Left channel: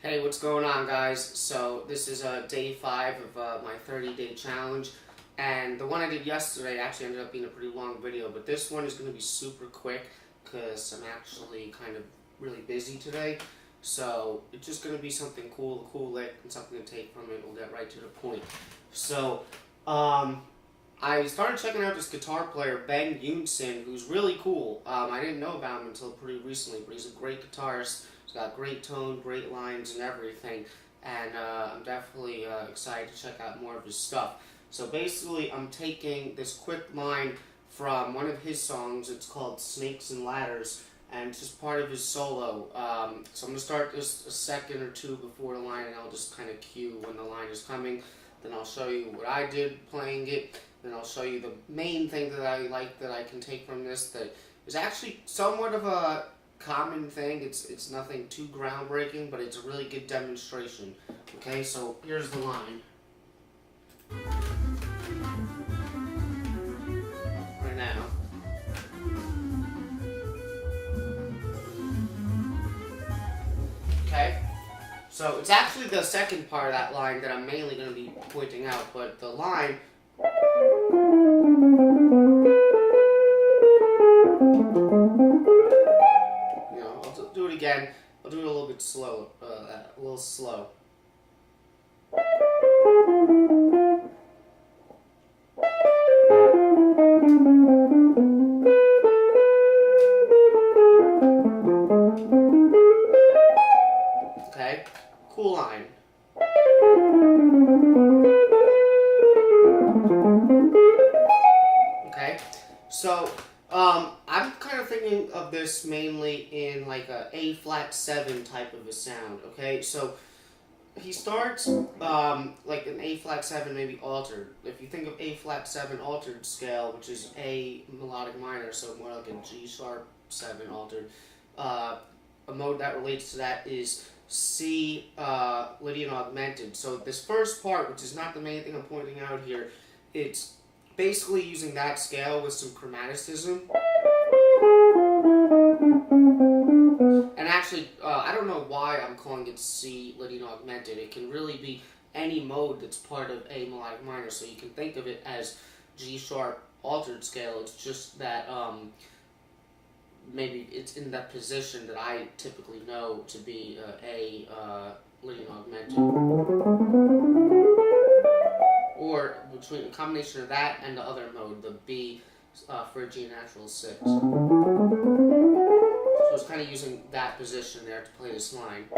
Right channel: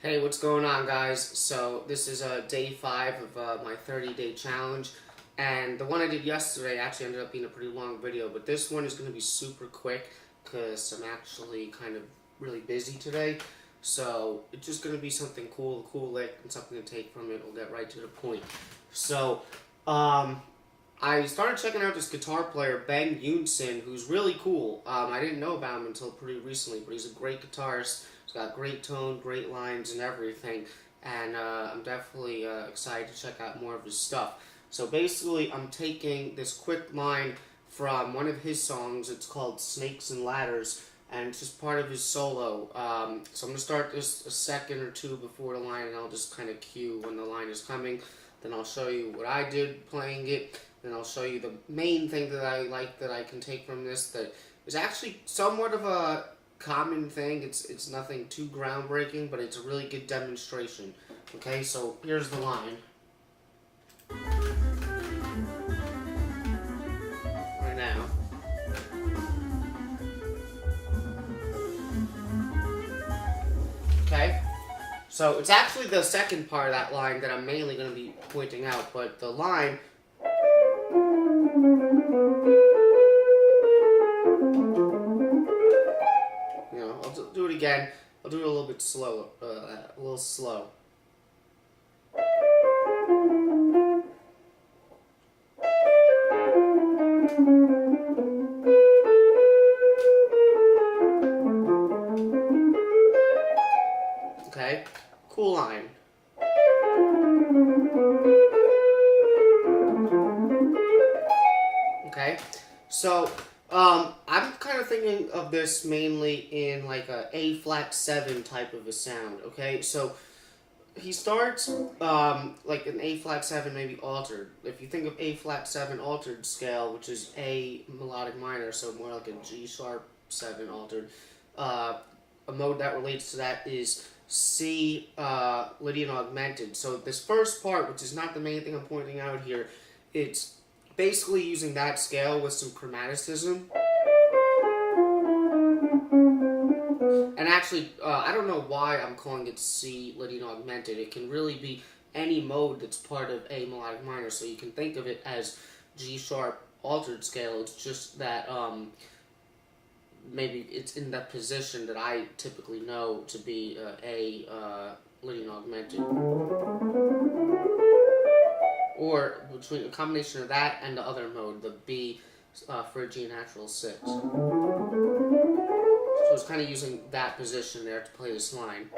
Hey, what's going on, guys? So this is day 5 of my 30-day challenge, and the one I did yesterday actually ended up being a pretty long video, but this one is going to be super quick because I'm actually kind of really busy today. So it's just going to be something cool, a cool lick, and something to take from it. We'll get right to the point. So, I started checking out this guitar player, Eunson, who's really cool. I didn't know about him until pretty recently, but he's a great guitarist. He's got great tone, great lines, and everything. And I'm definitely excited to check out more of his stuff. So basically, I'm taking this quick line from one of his songs. It's called Snakes and Ladders, and it's just part of his solo. So I'm going to start this a second or two before the line, and I'll just kind of cue when the line is coming. Then I'll show you what I did playing it. Then I'll show you the main thing that I like that I can take from this that is actually somewhat of a common thing. It's nothing too groundbreaking, but it's a really good demonstration. Okay, so here's the line. Right now. Okay? So it's actually the second part of that line that I'm mainly going to be pointing out, but the line... I'll do it again. I'll do it a little bit slow, a little slow. Okay, cool line. Okay, so I'm kind of thinking of this mainly in like a A-flat-7 type of a sound. Okay, so he starts like an A-flat-7 maybe altered. If you think of A-flat-7 altered scale, which is A melodic minor, so more like a G-sharp-7 altered, a mode that relates to that is C Lydian augmented. So this first part, which is not the main thing I'm pointing out here, it's basically using that scale with some chromaticism. And actually, I don't know why I'm calling it C Lydian augmented. It can really be any mode that's part of A melodic minor, so you can think of it as G sharp altered scale. It's just that maybe it's in that position that I typically know to be A Lydian augmented. Or between a combination of that and the other mode, the B for a G natural 6. So it's kind of using that position there to play this line.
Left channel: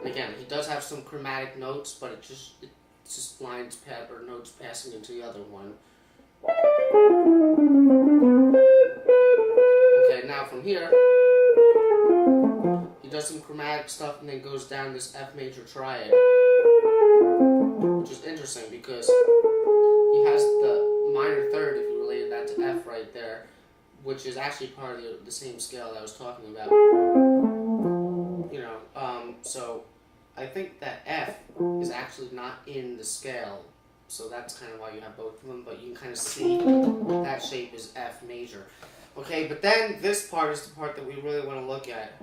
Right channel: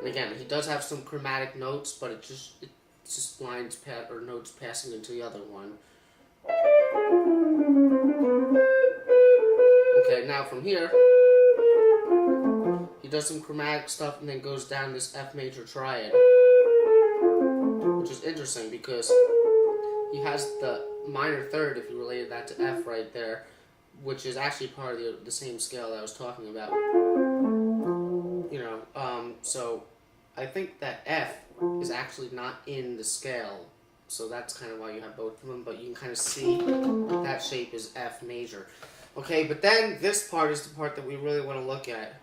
And again, he does have some chromatic notes, but it's just lines or notes passing into the other one. Okay, now from here, he does some chromatic stuff and then goes down this F major triad, which is interesting because he has the minor third, if you related that to F right there, which is actually part of the same scale that I was talking about. So I think that F is actually not in the scale, so that's kind of why you have both of them, but you can kind of see that shape is F major. Okay, but then this part is the part that we really want to look at.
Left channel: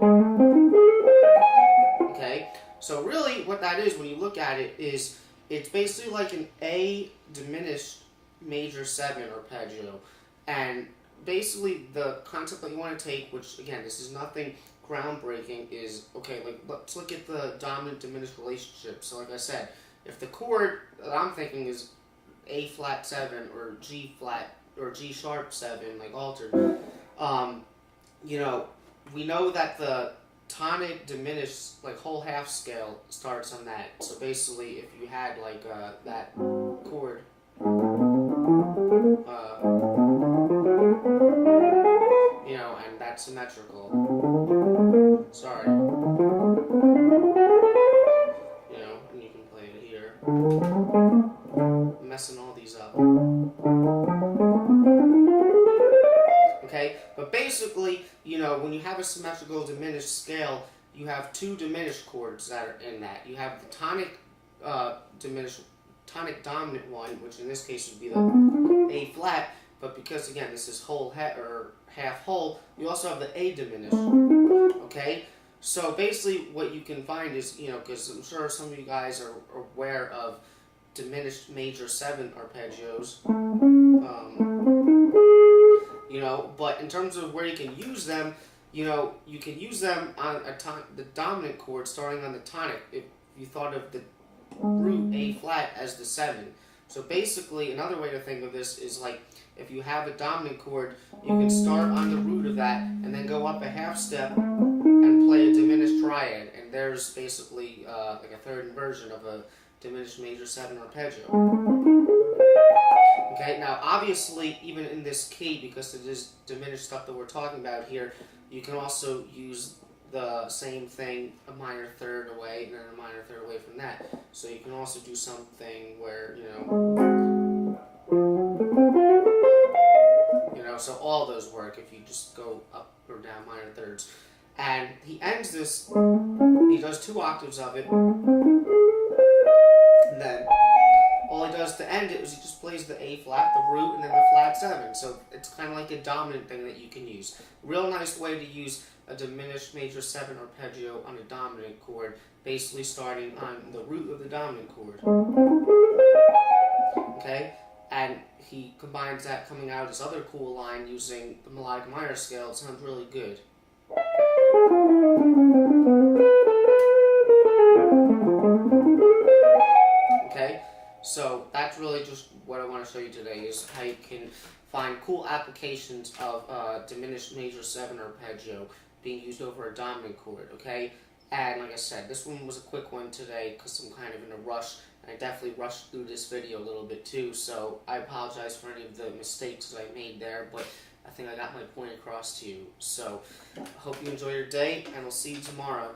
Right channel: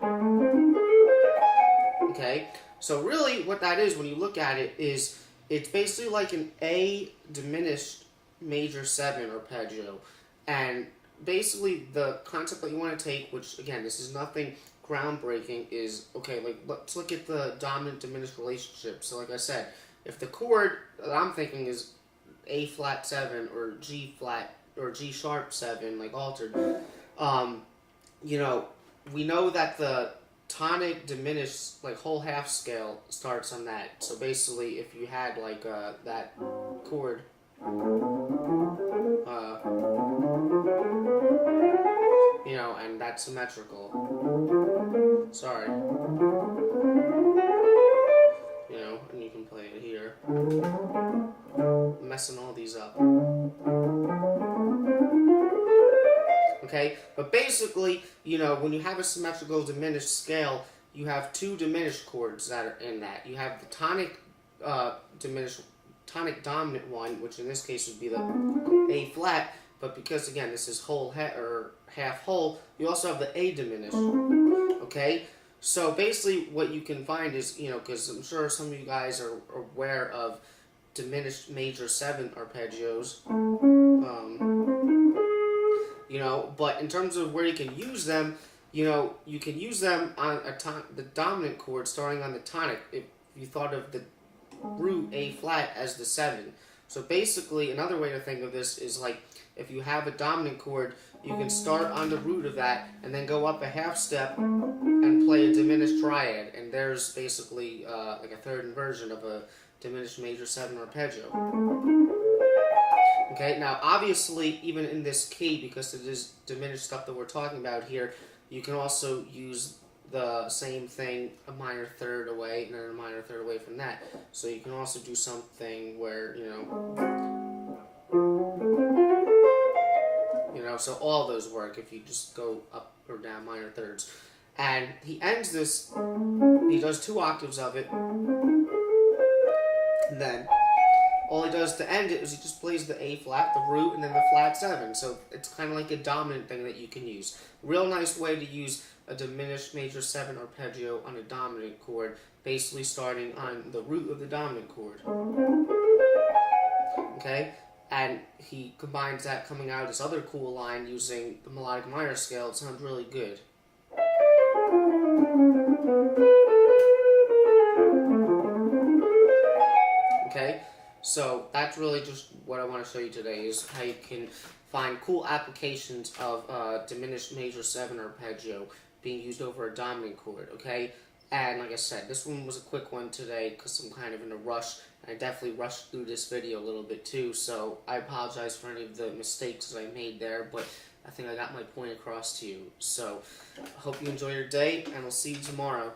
Okay, so really what that is when you look at it is it's basically like an A diminished major 7 arpeggio, and basically the concept that you want to take, which again this is nothing groundbreaking, is okay, like let's look at the dominant diminished relationship. So like I said, if the chord that I'm thinking is A flat 7 or G flat or G sharp 7, like altered, we know that the tonic diminished, like whole half scale starts on that. So basically, if you had like that chord, and that's symmetrical. Sorry. And you can play it here. I'm messing all these up. Okay, but basically, when you have a symmetrical diminished scale, you have two diminished chords that are in that. You have the tonic tonic dominant one, which in this case would be the A flat, but because again this is whole or half whole, you also have the A diminished. Okay, so basically what you can find is, because I'm sure some of you guys are aware of diminished major 7 arpeggios, but in terms of where you can use them, you can use them on the dominant chord starting on the tonic if you thought of the root A flat as the 7. So basically another way to think of this is like if you have a dominant chord, you can start on the root of that and then go up a half step and play a diminished triad, and there's basically like a third inversion of a diminished major 7 arpeggio. Okay, now obviously even in this key, because it is diminished stuff that we're talking about here, you can also use the same thing a minor third away and then a minor third away from that. So you can also do something where, so all those work if you just go up or down minor thirds. And he ends this, he does 2 octaves of it, and then all he does to end it is he just plays the A flat, the root, and then the flat 7. So it's kind of like a dominant thing that you can use. Real nice way to use a diminished major 7 arpeggio on a dominant chord, basically starting on the root of the dominant chord. Okay? And he combines that coming out this other cool line using the melodic minor scale. It sounds really good. Okay? So that's really just what I want to show you today, is how you can find cool applications of diminished major 7 arpeggio being used over a dominant chord, okay? And like I said, this one was a quick one today because I'm kind of in a rush. I definitely rushed through this video a little bit too, so I apologize for any of the mistakes that I made there, but I think I got my point across to you. So, I hope you enjoy your day, and I'll see you tomorrow.